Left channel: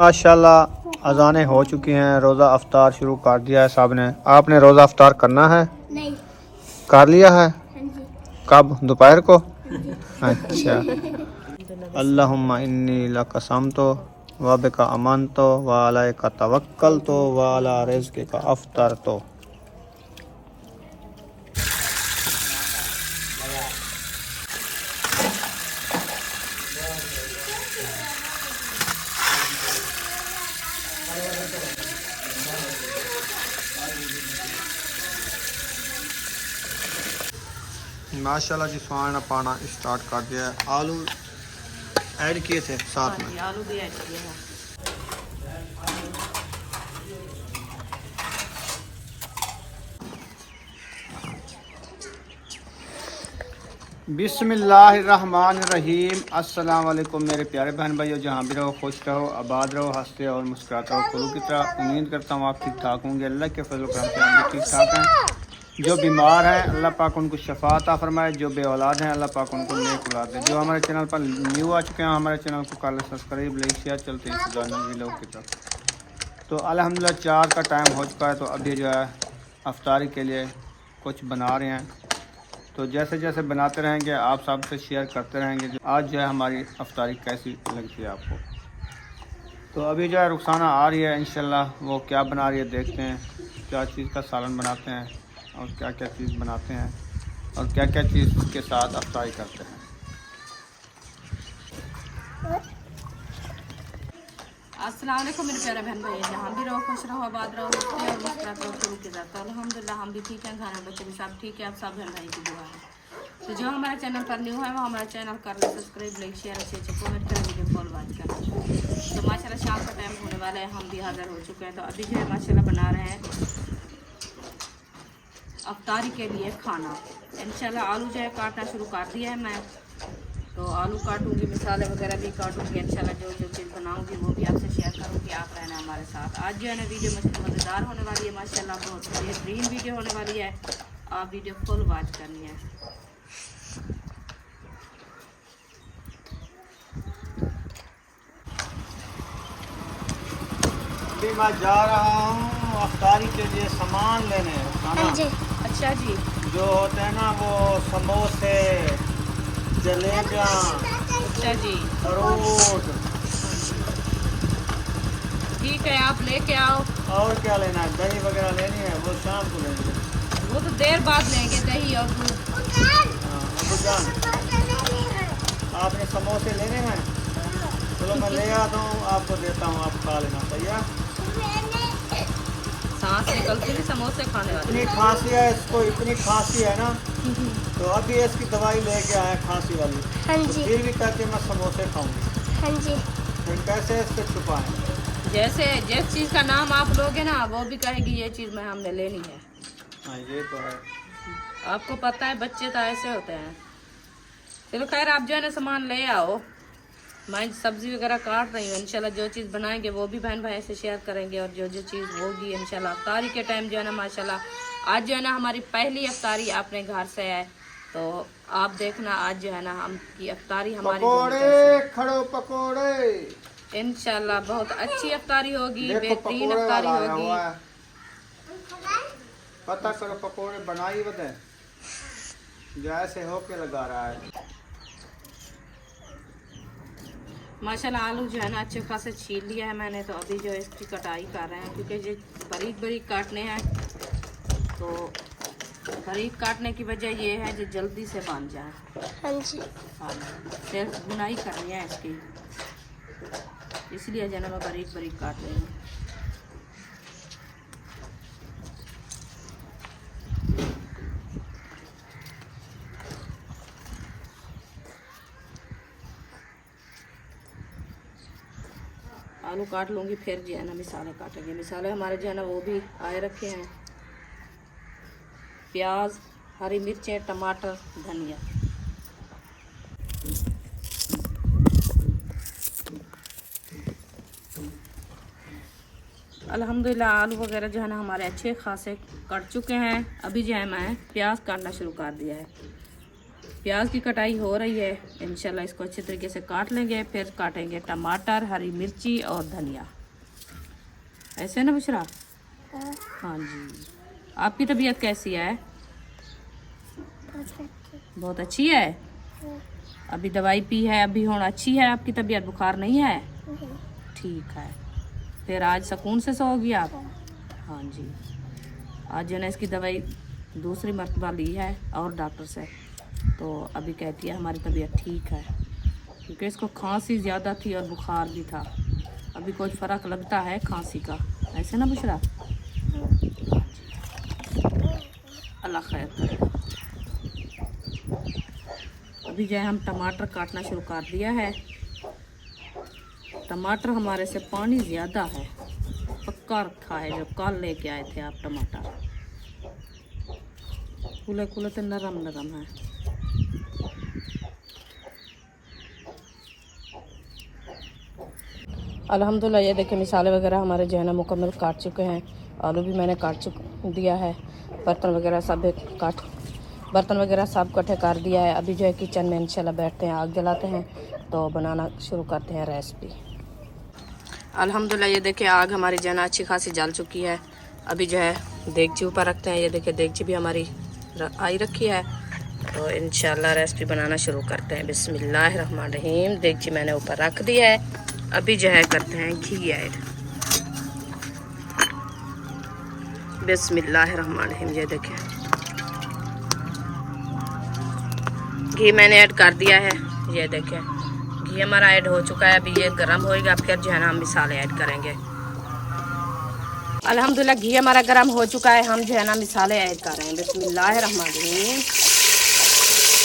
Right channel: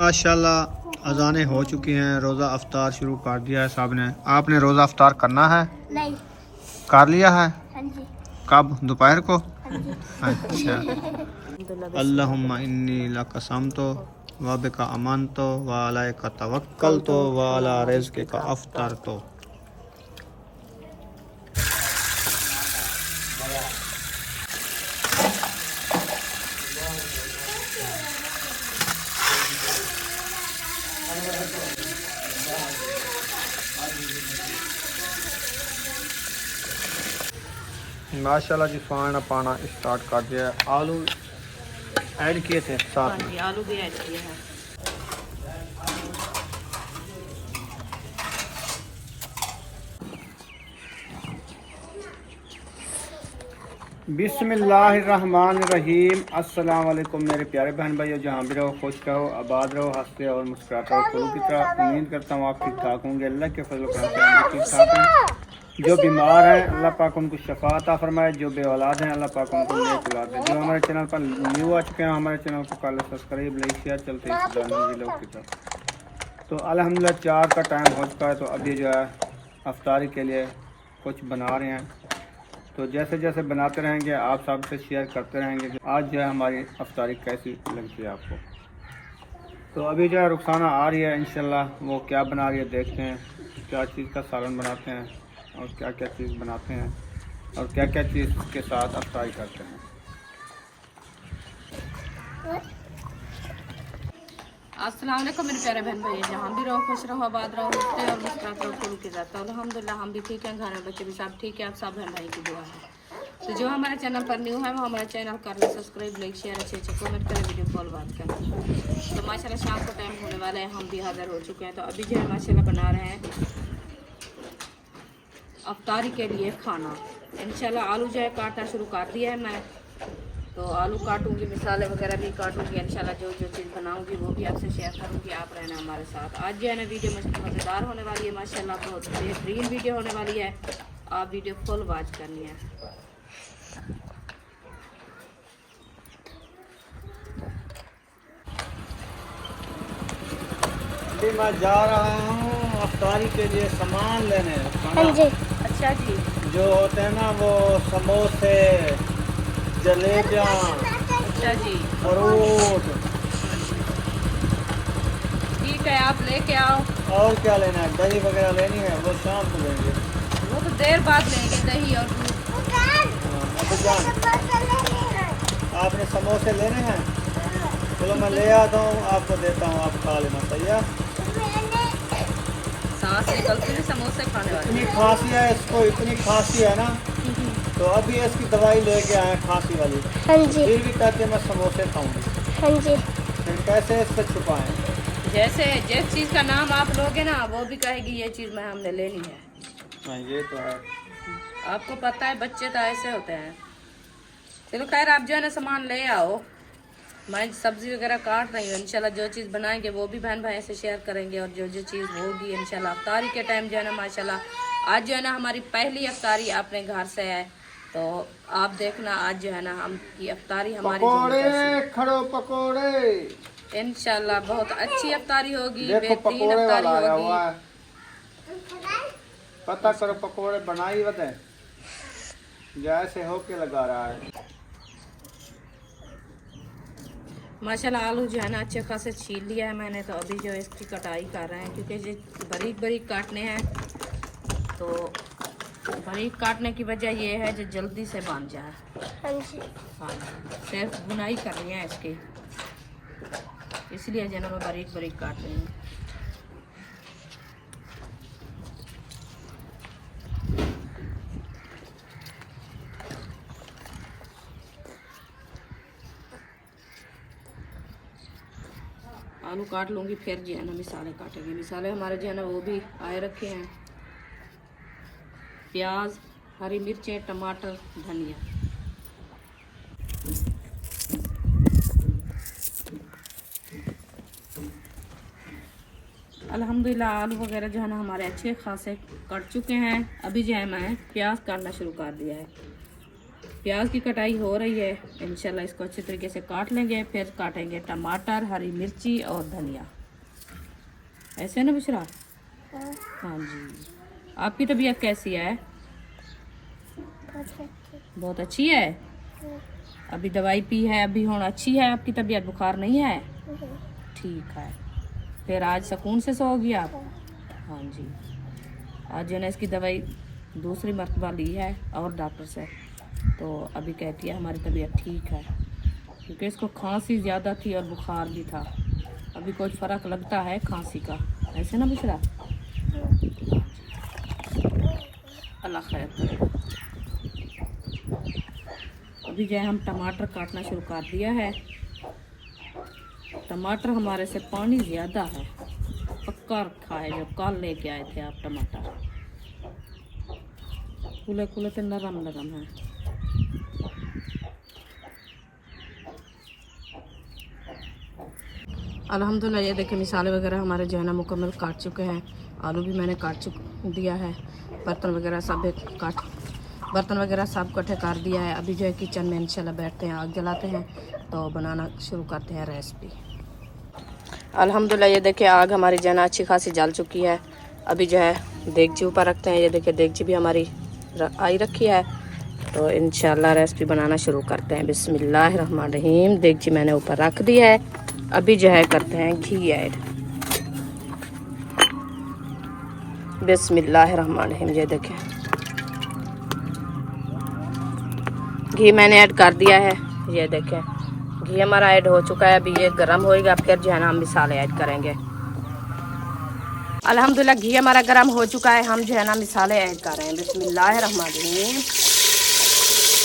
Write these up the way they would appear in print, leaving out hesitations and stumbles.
माशाल्लाह अजानें हो चुकी हैं, रोज़ा अफ्तार शुरू कर दिया है साहब ने। आपने रोज़ा अफ्तार करना है? नहीं। कर लिया है? हाँ जी। कब? दोपहर को? हाँ जी। अच्छा। अल्लाहुम्मा इन्नी लकसमतो व बिका अमनतो व अलैका तवक्कलतो व अला रिज़्क़िका अफ्तरतो। माशाल्लाह जी फान पाना स्टार्ट कर दिया है। आलू ऐड किए थे साथ में? आलू भी ऐड किया है। बिस्मिल्लाहिर्रहमानिर्रहीम। अस्सलाम वालेकुम मेरे प्यारे बहन भाइयों, जहाँ भी रहो खुश रहो, आबाद रहो, हंसते और मुस्कुराते रहो। फूलों की तरह उम्मीद करता हूँ आप ठीक ठाक होंगे। अल्लाह के फजल करम से हम भी ठीक ठाक हैं। जो बीमार हैं अल्लाह पाक उनको शफा अता फरमाए, जो बे औलाद हैं अल्लाह पाक उनको नेक औलाद दे। जो हमारे चैनल पर न्यू आ चुके हैं हमारे चैनल को कर ले सब्सक्राइब, लाइक शेयर। चलते हैं लोग की तरफ। तो अल्हम्दुलिल्लाह 4 का टाइम हो चुका है, तो अभी जो है अफ्तारी के लिए कुछ बना रहे हैं। तो जैसे जैसे बनाते रहेंगे आप सबसे शेयर करते रहेंगे आज जो है हमारी अफ्तारी कैसी लगती है आपको। तो अभी जो है रुखसाना आ रही है, इंशाल्लाह वो क्या बना रही है देखते हैं। क्या चीज़ का सालन बनाते हैं और क्या क्या चीज़ बनाते हैं और क्या क्या चीज़ के साथ अफ्तारी करते हैं। अस्सलाम वालेकुम मेरे प्यारे बहन भाई, जहाँ भी रहो खुश रहो, आबाद रहो, हंसते और मुस्कुराते रहो। फूलों की जाता अल्हम्दुलिल्लाह हम भी ठीक हैं, घर में बच्चे भी सब ठीक है। आप सब बहन भाई की दुआ है। तो जो हमारे चैनल पर न्यू है वो हमारा चैनल कर ले सब्सक्राइब, लाइक शेयर, अच्छे अच्छे कमेंट करें, वीडियो कॉल बात करें। तो माशाल्लाह शाम का टाइम होने वाला है, हम भी हाजिर हो चुके हैं। तो अभी जो है माशाल्लाह बना रहे हैं अफ्तारी के लिए खाना। इंशाल्लाह आलू जो है काटना शुरू कर दिया है मैं। तो आलू काटूंगी, मिसाले वगैरह भी काटूंगी। इंशाल्लाह जो जो चीज़ बनाऊंगी वो भी आपसे शेयर करूंगी। आप रहना हमारे साथ। आज जो है ना वीडियो मज़ेदार होने वाली है, माशाल्लाह बहुत बेहतरीन वीडियो होने वाली है। आप वीडियो फुल वॉच करनी है। अभी मैं जा रहा हूँ अफ्तारी के लिए सामान लेने। हाँ जी। अच्छा जी। जो होते हैं ना वो समोसे, जलेबियाँ, अच्छा जी, फ्रूट। ठीक है आप लेके आओ। और क्या लेना है? दही वगैरह लेनी है, वो शाम को लेंगे। वो तो देर बाद लेंगे दही और दूध। हाँ अबू जान आपने समोसे लेने हैं? चलो मैं ले आता हूँ, आपको देता हूँ, आप खा लेना। सही है? सांस निकलती है समोसे खाने वाली। इतनी खांसी है इसको, इतनी खांसी है ना, तो अभी इसकी दवाई लेके आए खांसी वाली। हाँ तो जी। फिर भी कहते हैं मैं समोसे खाऊंगी। हाँ जी। फिर कैसे इसको छुपाएं? जैसे जिस चीज़ का नाम आप लोगे ना वो भी कहेगी ये चीज़ मैं हमने लेनी है। हाँ ये तो है। आपको पता है बच्चे तो ऐसे होते हैं। चलो खैर आप जो है ना सामान ले आओ, मैं सब्जी वगैरह काट रही हूँ। इंशाल्लाह जो चीज़ बनाएंगे वो भी बहन भाई से शेयर करेंगे। और जो जो चीज़ होगी इंशाल्लाह अफ्तारी के टाइम जो है ना माशाल्लाह आज जो है ना हमारी पहली अफ्तारी अपने घर से है। तो आप देखना आज जो है ना हम की अफ्तारी हमारी पकोड़े खड़ो पकोड़े। इंशाल्लाह बहुत अच्छी अफ्तारी होगी, देखो बेहतरीन पकोड़े अफ्तारी वाला आया हुआ होगी। है, पता करो पकोड़े बनाई बते जैसे हो के लगा रहा है। माशाल्लाह आलू जो है ना अच्छे खासे छील लिया है मैंने। तो अभी जो इसकी कटाई कर रहे हैं क्योंकि ये बारीक बारीक काटने हैं। तो बारीक काटने की वजह ये है जो जल्दी से बन जाए। हाँ जी। हाँ सिर्फ बुनाई करनी है इसकी, इसलिए जो है ना मैं बारीक बारीक काट रही हूँ। आलू काट लूँगी फिर जो है ना मिसाले काटेंगे। मिसाले हमारे जो है ना वो भी आए रखे हैं, प्याज, हरी मिर्चें, टमाटर, धनिया। अल्हम्दुलिल्लाह आलू वगैरह जो है ना हमारे अच्छे खासे कट चुके हैं। अभी जो है मैं प्याज काटना शुरू कर दिया है। प्याज की कटाई हो रही है। इंशाल्लाह इसको अच्छे तरीके से काट लेंगे, फिर काटेंगे टमाटर, हरी मिर्ची और धनिया। ऐसे ना बुशरा? हाँ जी। आपकी तबीयत कैसी है? बहुत अच्छी है। अभी दवाई पी है, अभी होना अच्छी है आपकी तबीयत? बुखार नहीं है? ठीक है। फिर आज सुकून से सोओगी आप? हाँ जी। आज जो है ना इसकी दवाई दूसरी मर्तबा ली है और डॉक्टर से, तो अभी कहती है हमारी तबीयत ठीक है, क्योंकि इसको खांसी ज़्यादा थी और बुखार भी था। अभी कुछ फ़र्क लगता है खांसी का। ऐसे ना बुशरा? अल्लाह खैर करे। अभी जो है हम टमाटर काटना शुरू कर दिया है। टमाटर हमारे से पानी ज़्यादा है, पक्का रखा है जो कल लेके आए थे आप टमाटर। खुले खुले तो नरम नरम है। अल्हम्दुलिल्लाह ये देखिए मिसाले वगैरह हमारे जो है ना मुकम्मल काट चुके हैं। आलू भी मैंने काट दिया है। बर्तन वगैरह सब इकट्ठे कर दिया है। अभी जो है किचन में इंशाल्लाह बैठते हैं, आग जलाते हैं तो बनाना शुरू करते हैं रेसिपी। अल्हम्दुलिल्लाह ये देखिए आग हमारी जो है ना अच्छी खासी जल चुकी है। अभी जो है देगची ऊपर रखते हैं। ये देखिए देगची भी हमारी आई रखी है, तो इंशाल्लाह रेसिपी बनाना शुरू करते हैं। बिस्मिल्लाहिर्रहमानिर्रहीम। देगची मैंने ऊपर रख दी है। अभी जो है करते हैं घी ऐड। बिस्मिल्लाहिर्रहमानिर्रहीम। ये देखें घी मैंने ऐड कर दिया है। ये देखें घी हमारा ऐड हो चुका है। अभी ये गर्म होएगा, फिर जो है ना हम मिसाले ऐड करेंगे। अल्हम्दुलिल्लाह घी हमारा गर्म हो चुका है। हम जो है ना मिसाले ऐड कर रहे हैं। बिस्मिल्लाहिर्रहमानिर्रहीम।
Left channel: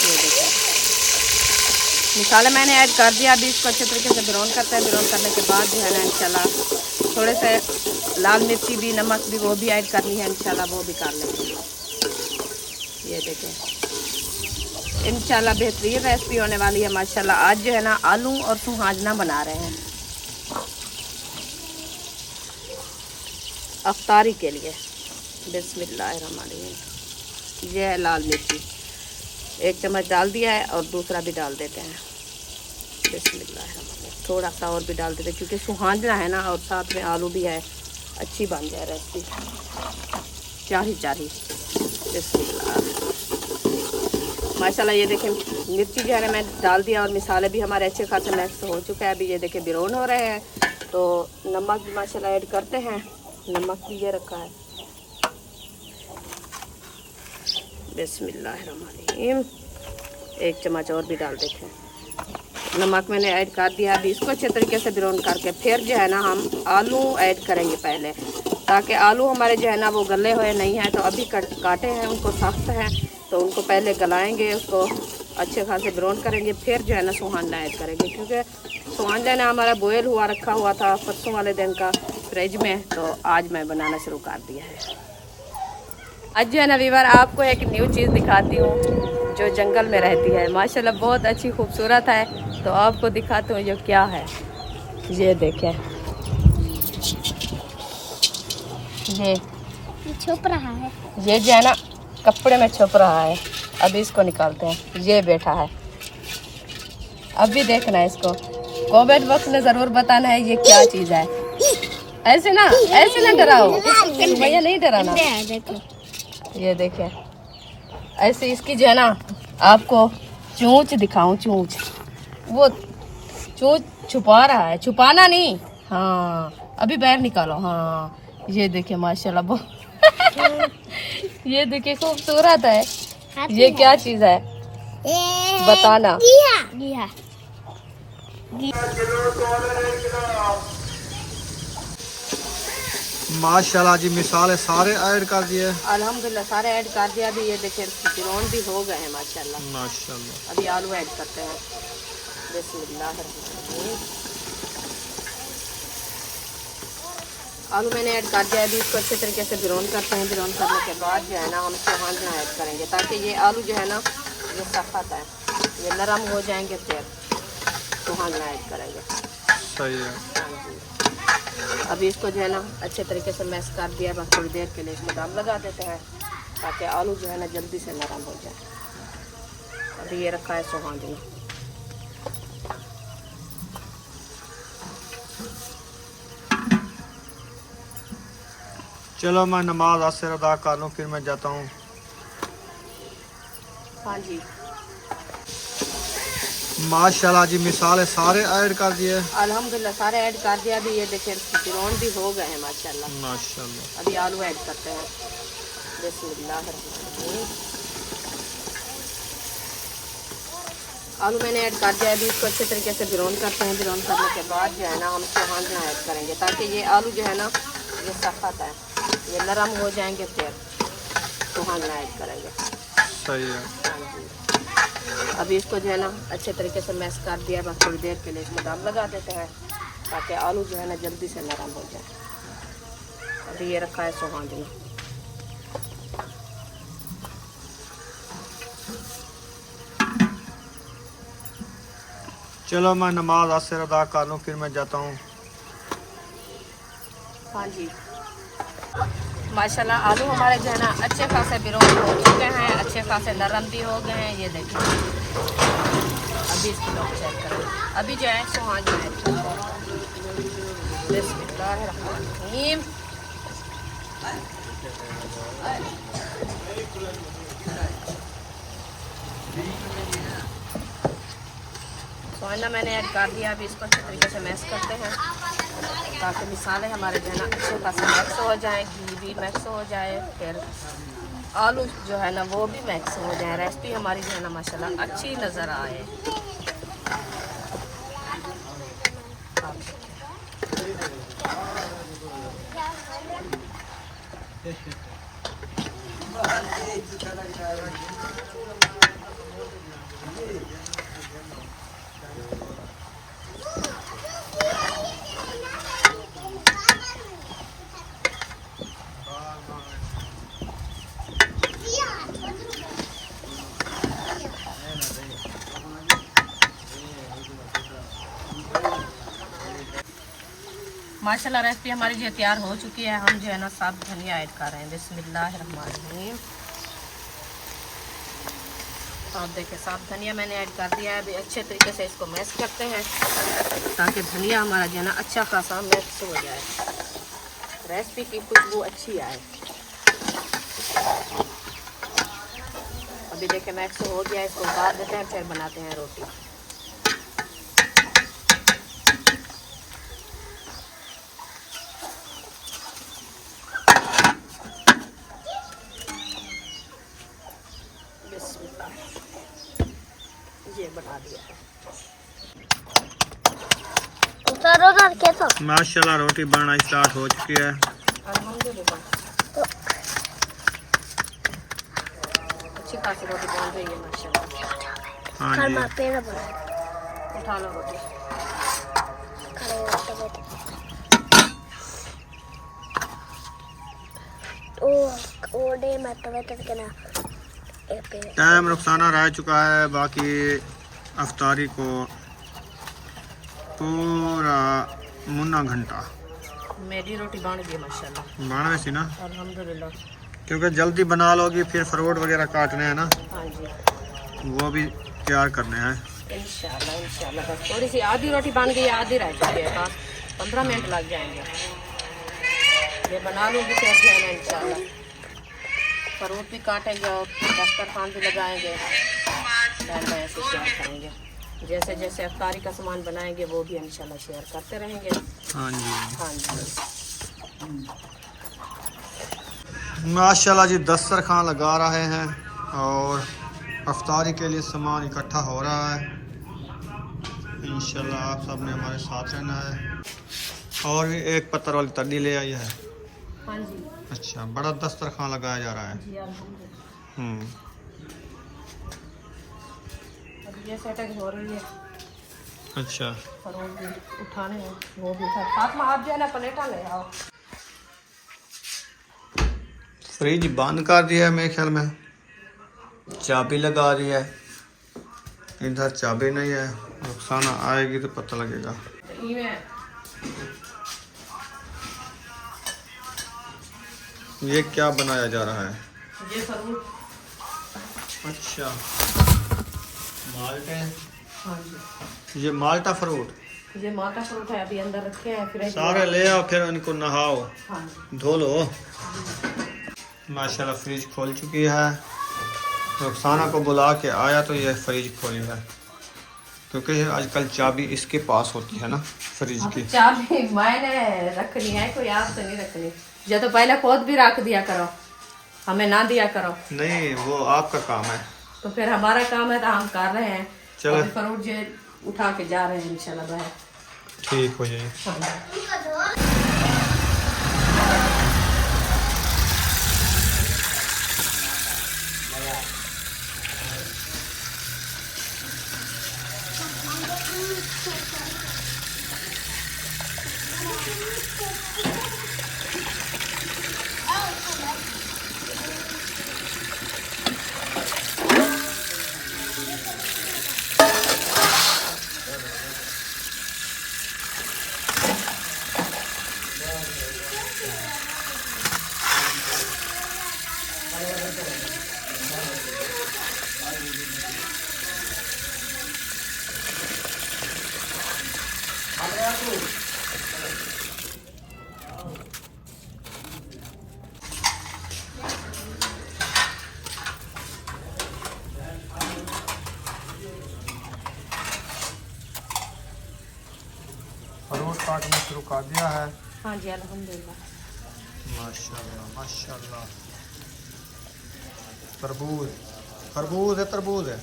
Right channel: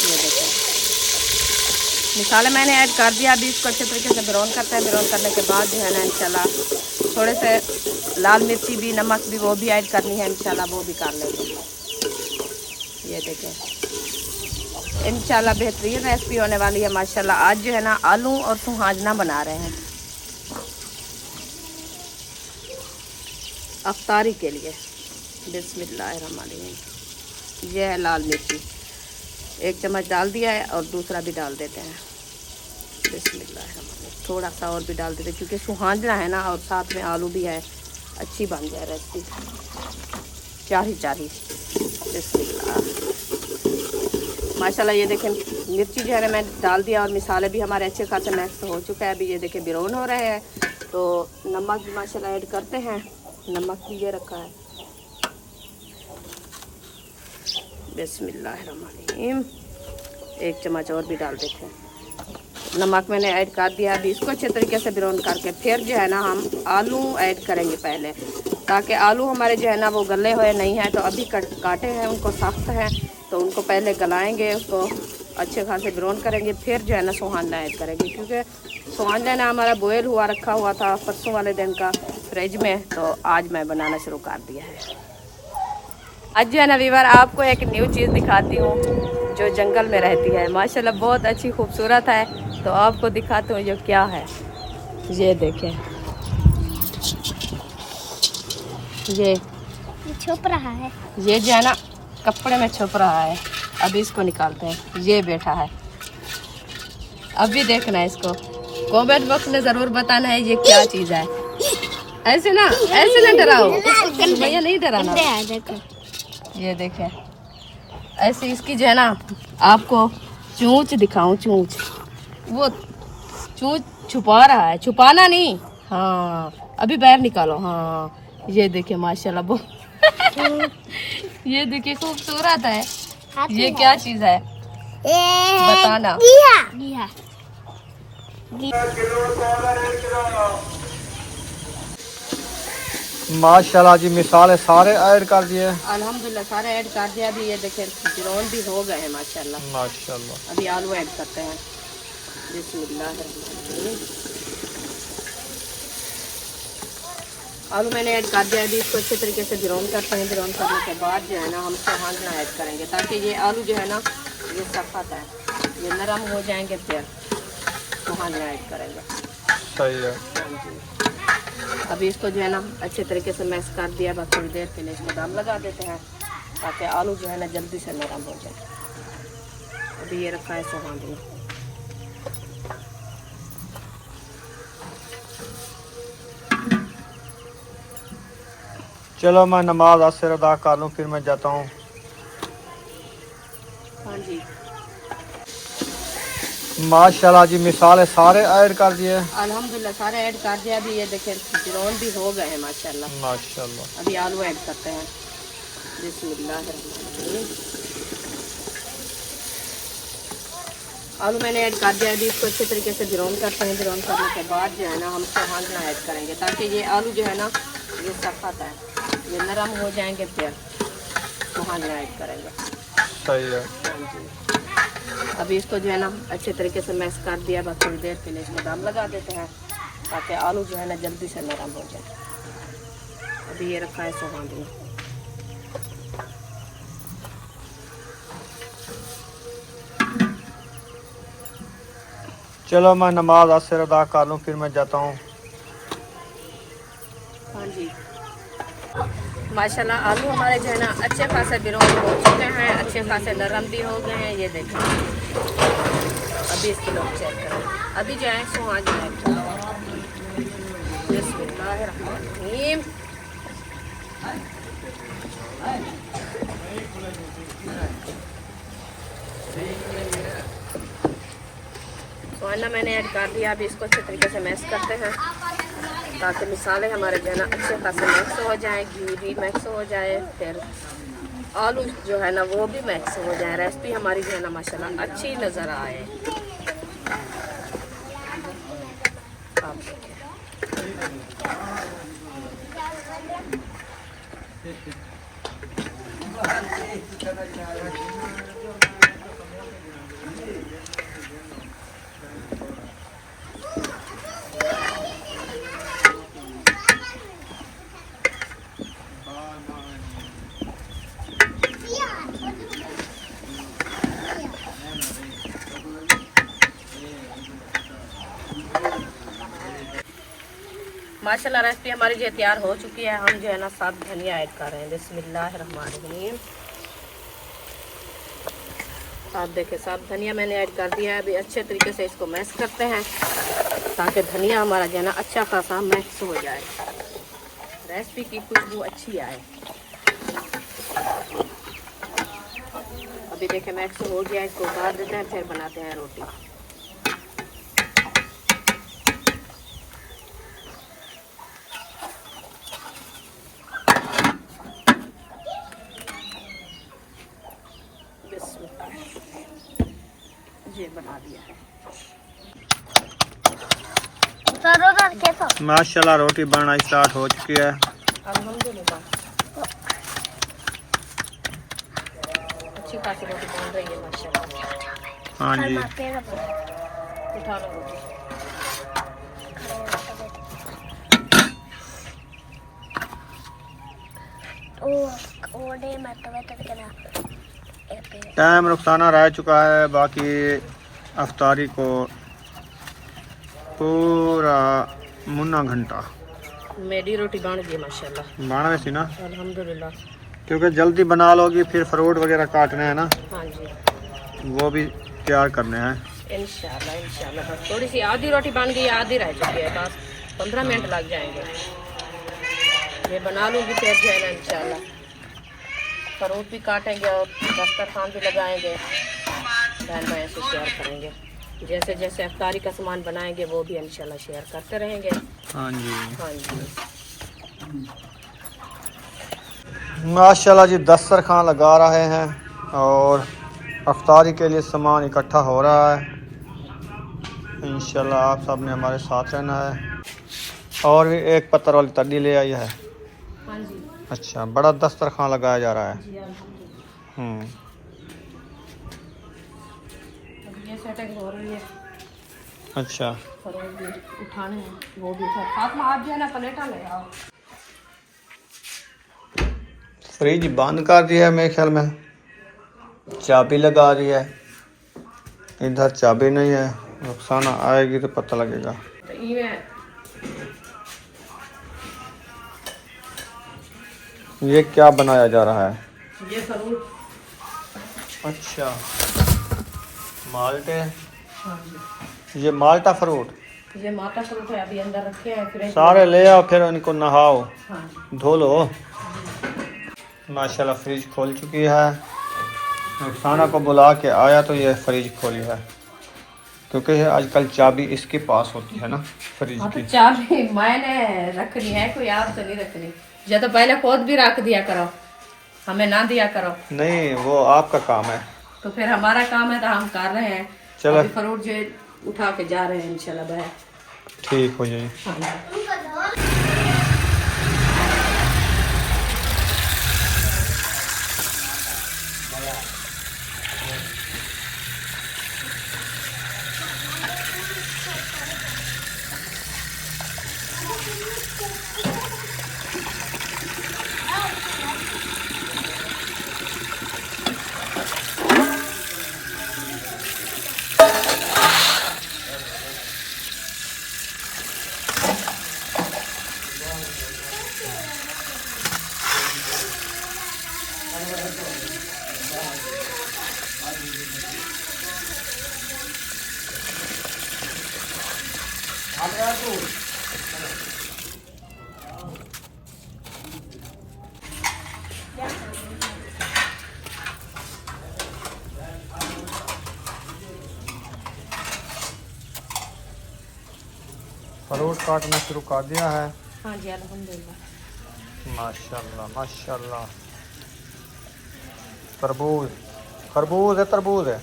ये देखें मिसाले मैंने ऐड कर दिया। अभी इसको अच्छे तरीके से ब्राउन करते हैं। ब्राउन करने के बाद जो है ना इंशाल्लाह थोड़े से लाल मिर्ची भी, नमक भी, वो भी ऐड करनी है इंशाल्लाह, वो भी कर लेंगे। ये देखें इंशाल्लाह बेहतरीन रेसिपी होने वाली है माशाल्लाह। आज जो है ना आलू और सुहाजना बना रहे हैं अफ्तारी के लिए। बिस्मिल्लाहिर्रहमानिर्रहीम। ये है लाल मिर्ची, 1 चम्मच डाल दिया है और दूसरा भी डाल देते हैं। बिस्मिल्लाहिर्रहमानिर्रहीम। थोड़ा सा और भी डाल देते हैं क्योंकि सुहाजना है ना और साथ में आलू भी है, अच्छी बन जाए रेसिपी। चारी बिस्मिल्लाह माशाल्लाह। ये देखें मिर्ची जो है ना मैंने डाल दिया और मिसाले भी हमारे अच्छे खासे मिक्स हो चुका है। अभी ये देखें ब्राउन हो रहे हैं, तो नमक भी माशाल्लाह ऐड करते हैं। नमक भी ये रखा है। बिस्मिल्लाहिर्रहमानिर्रहीम। 1 चम्मच और भी डाल देते हैं। नमक मैंने ऐड कर दिया। अभी इसको अच्छे तरीके से ब्राउन करके फिर जो है ना हम आलू ऐड करेंगे पहले, ताकि आलू हमारे जो है ना वो गले हुए नहीं हैं। तो अभी काटे हैं, उनको सख्त हैं, तो उनको पहले गलाएंगे, उसको अच्छे खासे ब्राउन करेंगे, फिर जो है ना सुहाना ऐड करेंगे। क्योंकि सुहाना ना हमारा बॉयल हुआ रखा हुआ था परसों वाले दिन का फ्रिज में, तो आज मैं बनाना शुरू कर दिया है। आज जो है ना वीवर आपको एक न्यू चीज़ दिखाती हूँ जो जंगल में रहती है, माशाल्लाह बहुत अच्छी खूबसूरत है। तो आपको दिखाती हूँ जो क्या है। ये देखें, ये छुप रहा है। ये जो है ना कपड़े में छुप रहा है। अभी इसको निकालते हैं। ये बैठा है, अभी देखना है इसको। कमेंट बॉक्स में ज़रूर बताना है ये क्या चीज़ है। ऐसे ना डराओ भैया, नहीं डराना। ये देखें ऐसे इसकी जो है ना आपको चोंच दिखाऊं। चोंच, वो चोंच छुपा रहा है। छुपाना नहीं, हाँ अभी बाहर निकालो। हाँ ये देखिए माशाल्लाह बहुत ये देखिए खूबसूरत है। ये क्या चीज़ है बताना। माशाल्लाह जी मिसाले सारे ऐड कर दिए। अल्हम्दुलिल्लाह सारे ऐड कर दिया। अभी ये देखें ब्राउन भी हो गए हैं माशाल्लाह। अभी आलू ऐड करते हैं। बिस्मिल्लाहिर्रहमानिर्रहीम। आलू मैंने ऐड कर दिया। अभी इसको अच्छे तरीके से ब्राउन करते हैं। ब्राउन करने के बाद जो है ना हम सुहाजना ऐड करेंगे, ताकि ये आलू जो है ना ये सख्त है, ये नरम हो जाएंगे, फिर सुहाजना ऐड करेंगे। सही है। हाँ जी। अभी इसको जो है ना अच्छे तरीके से मैश कर दिया। बस थोड़ी देर के लिए इसको दम लगा देते हैं, ताकि आलू जो है ना जल्दी से नरम हो जाए। अभी ये रखा है सुहाना। चलो मैं नमाज असर अदा कर लूँ फिर मैं जाता हूँ। हाँ जी माशाल्लाह जी, मिसाले सारे ऐड कर दिए। अल्हम्दुलिल्लाह सारे ऐड कर दिया। अभी ये देखें फिरौन भी हो गए हैं माशाल्लाह माशाल्लाह। अभी आलू ऐड करते हैं। बिस्मिल्लाहिर्रहमानिर्रहीम। आलू मैंने ऐड कर दिया। अभी इसको अच्छे तरीके से ब्राउन करते हैं। ब्राउन करने के बाद जो है ना हम सुहाना ऐड करेंगे ताकि ये आलू जो है ना ये सख्त है, ये नरम हो जाएंगे फिर सुहाना ऐड करेंगे। सही है। हाँ जी अभी इसको जो है ना अच्छे तरीके से मैश कर दिया। बस थोड़ी देर के लिए इसमें दम लगा देते हैं ताकि आलू जो है ना जल्दी से नरम हो जाए। अभी ये रखा है सुहाना। चलो मैं नमाज असर अदा कर लूँ फिर मैं जाता हूँ। हाँ जी माशाल्लाह आलू हमारे जो है ना अच्छे खासे ब्राउन हो चुके हैं, अच्छे खासे नरम भी हो गए हैं। ये देखें अभी इसको लोग चेक करें। अभी जो है सुहाना ऐड करते हैं। बिस्मिल्लाहिर्रहमानिर्रहीम। सुहाना मैंने ऐड कर दिया। अभी इसको अच्छे तरीके से मैश करते हैं ताकि मिसाले हमारे जो है ना अच्छे खासे मिक्स हो जाए, घी भी मिक्स हो जाए, फिर आलू जो है ना वो भी मिक्स हो जाए। रेसिपी हमारी जो है ना माशाल्लाह अच्छी नज़र आए। आप देखें माशाल्लाह रेसिपी हमारी जो तैयार हो चुकी है। हम जो है ना साथ धनिया ऐड कर रहे हैं। बिस्मिल्लाहिर्रहमानिर्रहीम। आप देखें साथ धनिया मैंने ऐड कर दिया है। अभी अच्छे तरीके से इसको मैश करते हैं ताकि धनिया हमारा जो है ना अच्छा खासा मैक्स हो जाए, रेसिपी की खुशबू अच्छी आए। अभी देखें मैक्स हो गया, इसको उतार देते हैं फिर बनाते हैं रोटी। ये बना दिया है। उतारो ना कैसा। माशाल्लाह रोटी बनना स्टार्ट हो चुकी है। अल्हम्दुलिल्लाह अच्छी खासी रोटी बन रही है माशाल्लाह। हाँ जी उठा लो रोटी। ओडे मत करना। टाइम रुखसाना रह चुका है, बाकी अफ्तारी को पूरा मुन्ना घंटा मेरी रोटी बन गई माशाल्लाह। बना वैसी ना, अल्हम्दुलिल्लाह। क्योंकि जल्दी बना लोगी फिर फ्रूट वगैरह काटने हैं ना, हाँ जी वो भी तैयार करने हैं। इंशाल्लाह इंशाल्लाह। बस थोड़ी सी आधी रोटी बन गई, आधी रह चुकी है। बस 15 मिनट लग जाएंगे। ये बना लूँगी फिर जो है ना इंशाल्लाह फ्रूट भी काटेंगे और दस्तरखान भी लगाएंगे। बहन भाई से शेयर करेंगे। जैसे जैसे अफ्तारी का सामान बनाएंगे वो भी इंशाल्लाह शेयर करते रहेंगे। हाँ जी हाँ जी माशाल्लाह जी, दस्तरखान लगा रहे हैं और अफ्तारी के लिए सामान इकट्ठा हो रहा है। इंशाल्लाह आप सब ने हमारे साथ रहना है। और भी एक पत्थर वाली तली ले आई है। हाँ जी अच्छा, बड़ा दस्तरखान लगाया जा रहा है। जी अल्हम्दुलिल्लाह। अब ये सेटिंग हो रही है। अच्छा, फ्रूट भी उठाने हैं, वो भी उठा। साथ में आप जो है ना प्लेटा ले आओ। फ्रिज बंद कर दिया है मेरे ख्याल में, चाबी लगा दी है। इधर चाबी नहीं है, रुखसाना आएगी तो पता लगेगा। ये क्या बनाया जा रहा है? ये फ्रूट अच्छा, माल्टे, हाँ जी, ये माल्टा फ्रूट ये माता फ्रूट है, अभी अंदर रखे हैं फ्रिज में। सारे ले आओ, फिर उनको नहाओ, हाँ जी, धो लो। माशाल्लाह फ्रिज खोल चुकी है। रुखसाना को बुला के आया तो ये फ्रिज खोली है, क्योंकि आजकल चाबी इसके पास होती है ना फ्रिज हाँ, तो की। चाबी मैंने रखनी है, कोई आपसे नहीं रखनी। या तो पहले खुद भी रख दिया करो, हमें ना दिया करो। नहीं, वो आपका काम है। तो फिर हमारा काम है तो हम कर रहे हैं। चलो। अभी फ्रूट जो उठा के जा रहे हैं इंशाल्लाह बाहर। ठीक हो जाइए। हाँ जी। फ्रूट काटना शुरू कर दिया है। हाँ जी, अल्हम्दुलिल्लाह। माशाल्लाह माशाल्लाह। तरबूज, खरबूज है, तरबूज है,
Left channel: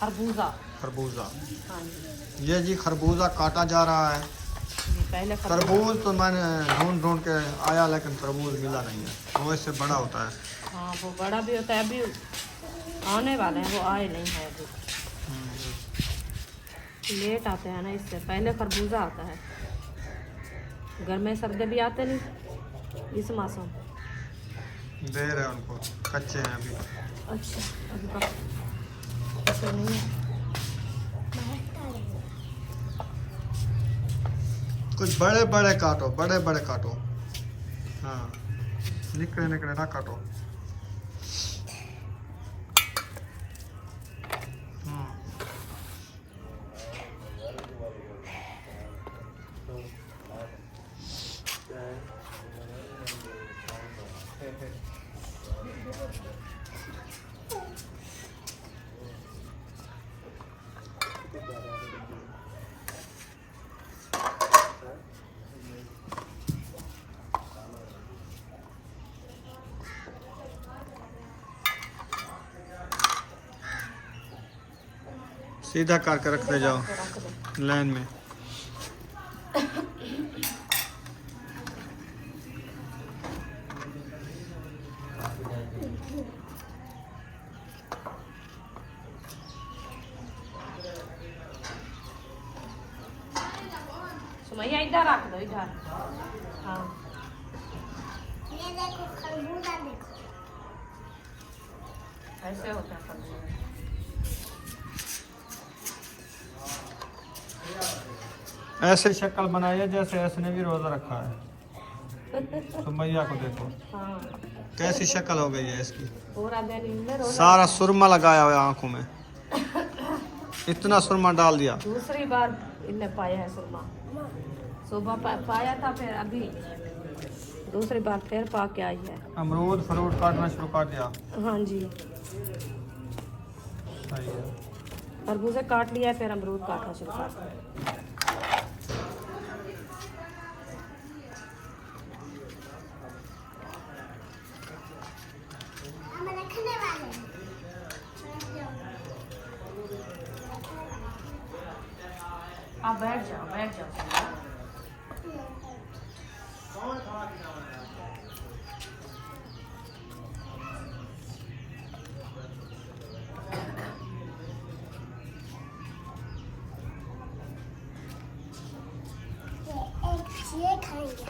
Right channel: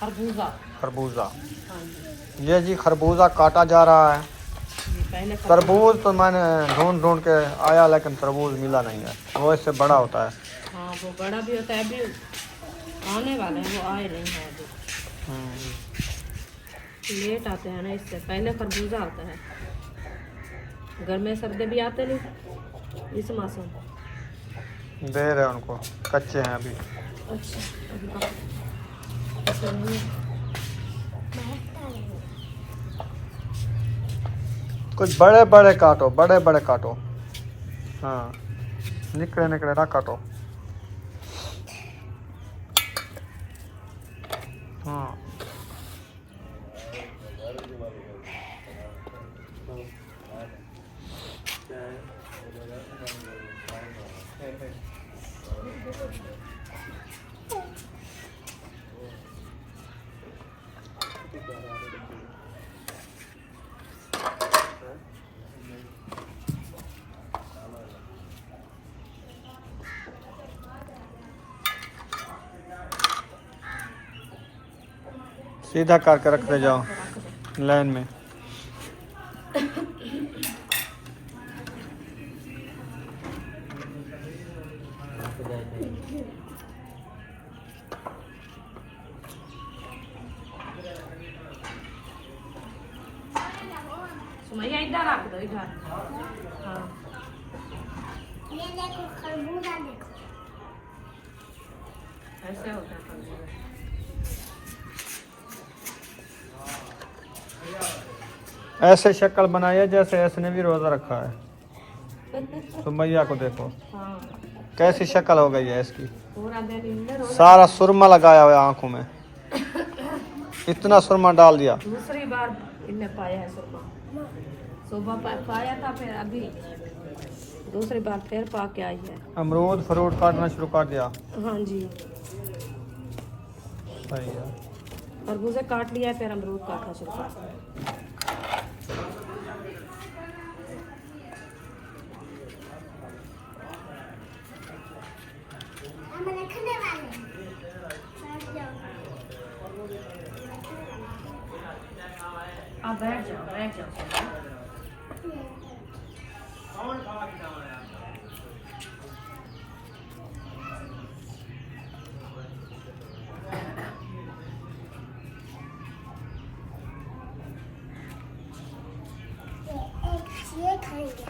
खरबूजा। खरबूजा। हाँ जी, ये जी खरबूजा काटा जा रहा है। ये पहले तरबूज तो मैंने ढूंढ ढूंढ के आया, लेकिन तरबूज मिला नहीं है। वो इससे बड़ा होता है। हाँ, वो बड़ा भी होता है, अभी आने वाले हैं, वो आए नहीं है अभी, लेट आते हैं ना, इससे पहले खरबूजा आता है। गर्मी सर्दी भी आते नहीं इस मौसम। दे रहे हैं उनको, कच्चे हैं अभी। अच्छा, अभी ऐसे नहीं है। कुछ बड़े बड़े काटो, बड़े बड़े काटो। हाँ, निकले निकले ना काटो। हाँ, सीधा करके रखते जाओ लाइन में। सुमैया इधर रख दो, इधर। हाँ, ये देखो खरबूजा देखो। ऐसे होता है खरबूजा। ऐसे शक्ल बनाइए जैसे इसने भी रोजा रखा है। सुमैया को देखो, हाँ, कैसी शक्ल हो गई है इसकी। पूरा दिन इनमें रोज। सारा सुरमा लगाया हुआ है आंखों में, इतना सुरमा डाल दिया। दूसरी बार इनने पाया है सुरमा। सुबह पाया था, फिर अभी दूसरी बार फिर पा के आई है। अमरूद फ्रूट काटना शुरू कर दिया। हाँ जी, सही है। खरबूजे काट लिया है, फिर अमरूद काटना शुरू कर दिया। हम रखने वाले हैं। बैठ जाओ। आप बैठ जाओ, बैठ जाओ। ये खाएंगे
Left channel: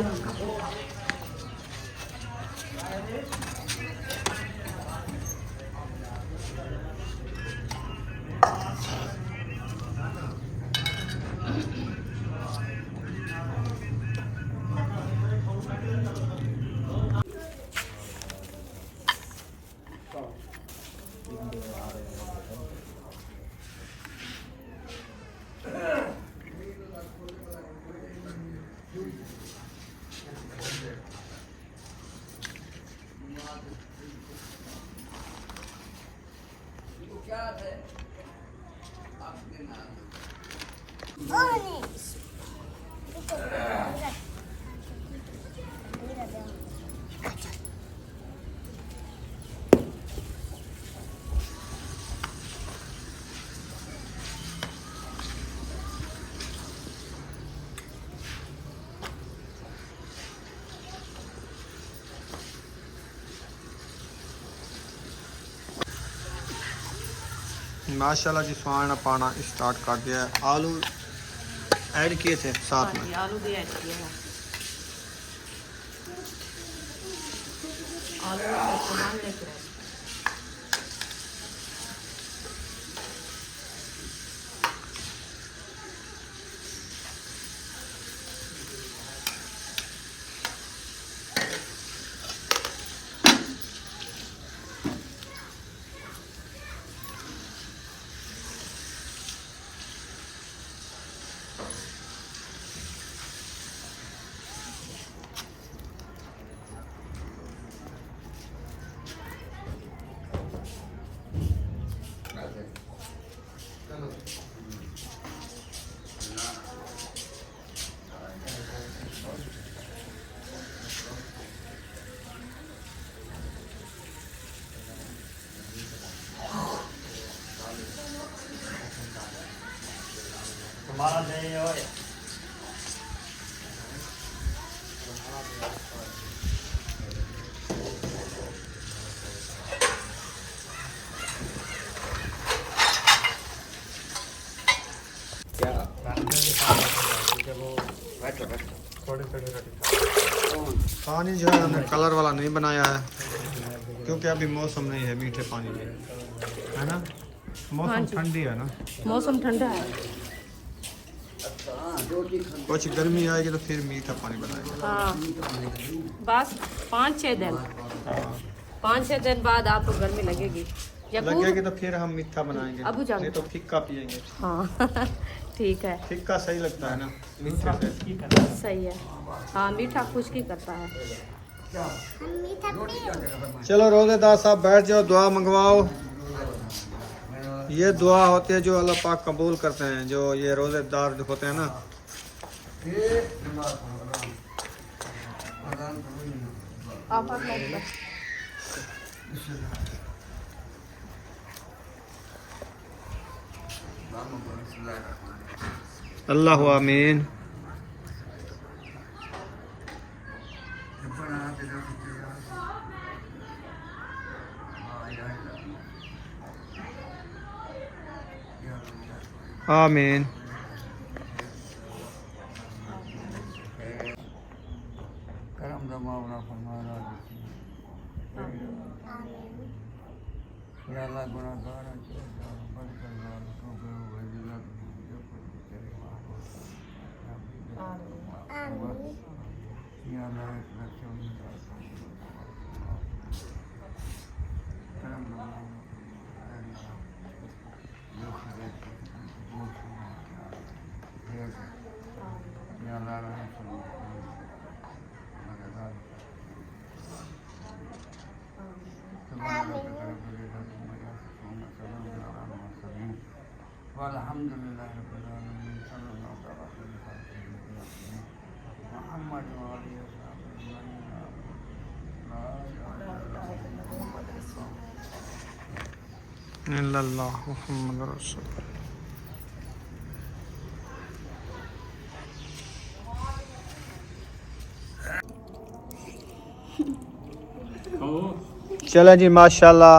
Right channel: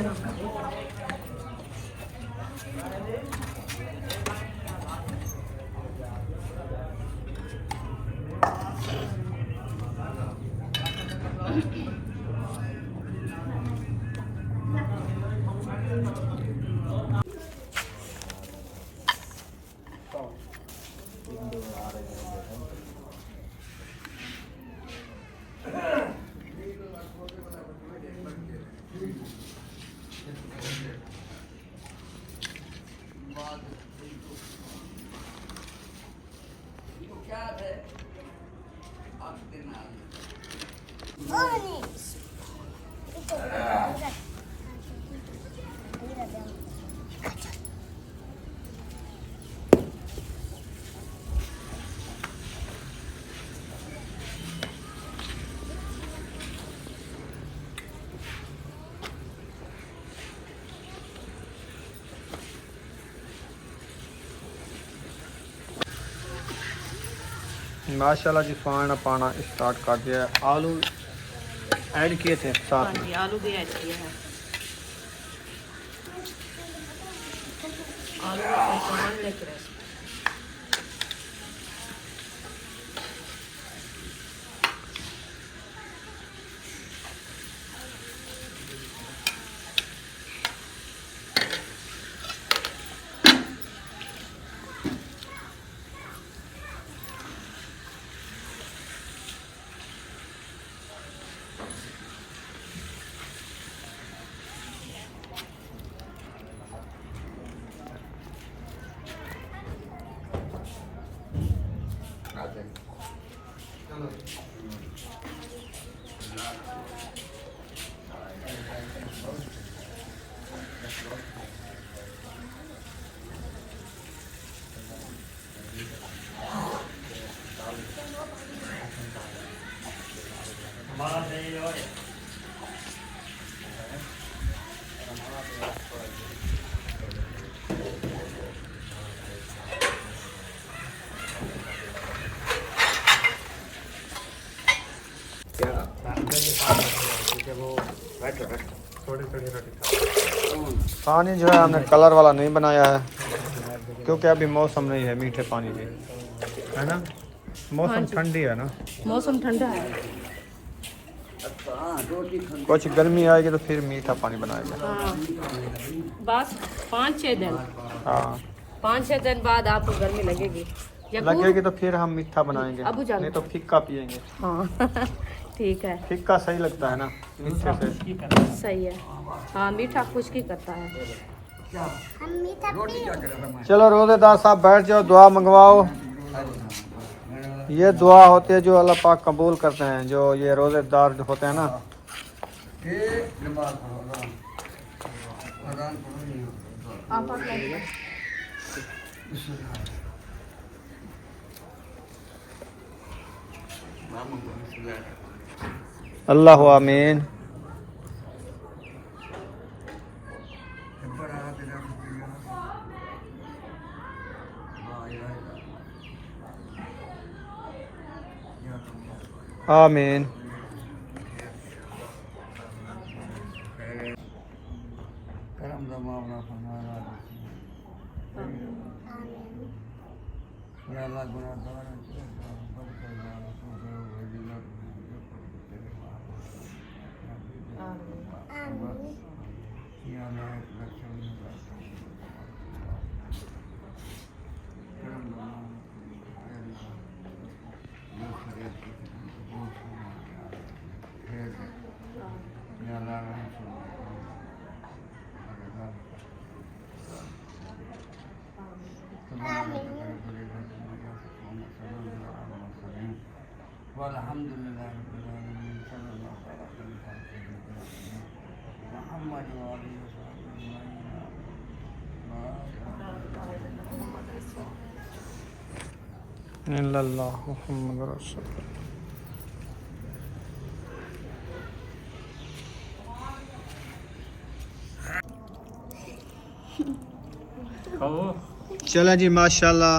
हम। माशाल्लाह जी फाना पाना स्टार्ट कर दिया है। आलू ऐड किए थे साथ हाँ में। जी, आलू भी ऐड किया है। आलू और टमाटर के रस। पानी जो है हमने कलर वाला नहीं बनाया है क्योंकि अभी मौसम नहीं है मीठे पानी के, है ना। मौसम ठंडी है ना, मौसम ठंडा है। कुछ गर्मी आएगी तो फिर मीठा पानी बनाएंगे। हाँ बस 5-6 दिन, हाँ 5-6 दिन बाद आपको गर्मी लगेगी। लगेगी तो फिर हम मीठा बनाएंगे, अबू जान नहीं तो फिक्का पियेंगे। हाँ ठीक है, फिक्का सही लगता है ना मीठे से। सही है। हाँ मीठा खुश्की करता है। हम मीठा पी चलो रोजेदार साहब बैठ जाओ, दुआ मंगवाओ। ये दुआ होती है जो अल्लाह पाक कबूल करते हैं, जो ये रोजेदार जो होते हैं ना। अल्लाह आमीन। आमीन। करम दा मामला फरमाया या अल्लाह गुनाहगार हैं बद करवाल तो वजीलत या अल्लाह रक्षा करम दा जो खरीद या अल्लाह अल्हम्दुलिल्लाह रब्बिल आलमीन सल्लल्लाहु अलैहि वसल्लम मुहम्मद व आलिहि वसल्लम इल्लल्लाह मुहम्मद रसूल। चले जी माशाल्लाह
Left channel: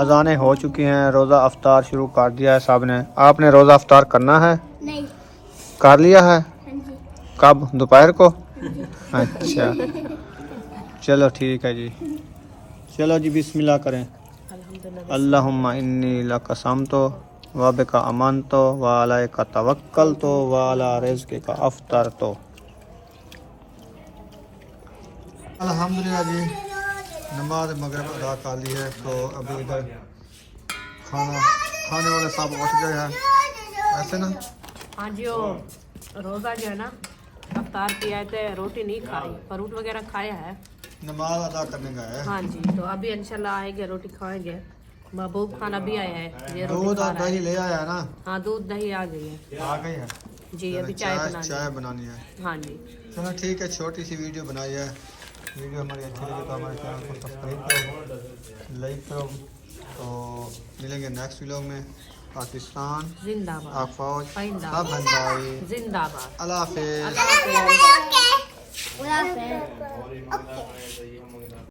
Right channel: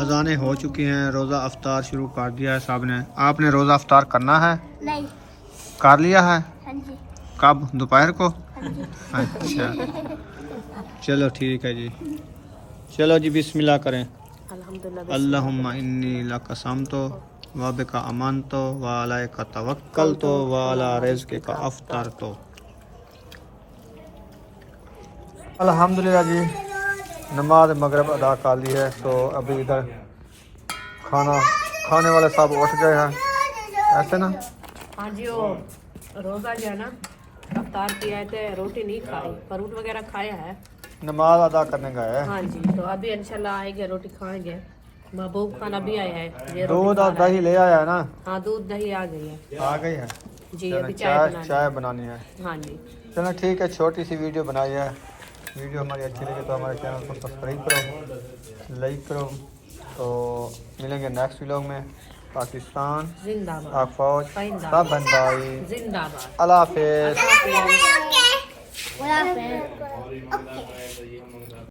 अजानें हो चुकी हैं, रोज़ा अफ्तार शुरू कर दिया है साहब ने। आपने रोज़ा अफ्तार करना है? नहीं। कर लिया है? हाँ जी। कब? दोपहर को? हाँ जी। अच्छा चलो ठीक है जी। चलो जी बिस्मिल्लाह करें। अल्हम्दुलिल्लाह। अल्लाहुम्मा इन्नी लकसमतो व बिका अमनतो व अलैका तवक्कलतो व अला रिज़्क़िका अफ्तरतो। अल्हम्दुलिल्लाह जी नमाज मगरिब अदा कर ली है, तो अभी इधर खाना खाने वाले सब उठ गए हैं, ऐसे ना। हाँ जी, वो रोज़ा जो है ना अफ्तार किया है, तो रोटी नहीं खाई, फ्रूट वगैरह खाया है। नमाज अदा करने गए हैं। हाँ जी, तो अभी इंशाल्लाह आएंगे रोटी खाएंगे। महबूब खाना भी आया है, ये रोटी दूध खा और रहा है। दही ले आया ना, हाँ दूध दही आ गई है आ गई है। जी। चलो, अभी चाय बनानी चाय है। बनानी है। हाँ जी। चलो ठीक है, छोटी सी वीडियो बनाई है। वीडियो हमारी अच्छी लगी तो हमारे चैनल को सब्सक्राइब करो, लाइक करो। तो मिलेंगे नेक्स्ट व्लॉग में। पाकिस्तान जिंदाबाद। पाक फौज जिंदाबाद। सब बन भाई। जिंदाबाद। अल्लाह हाफिज़। Okay. Well, okay.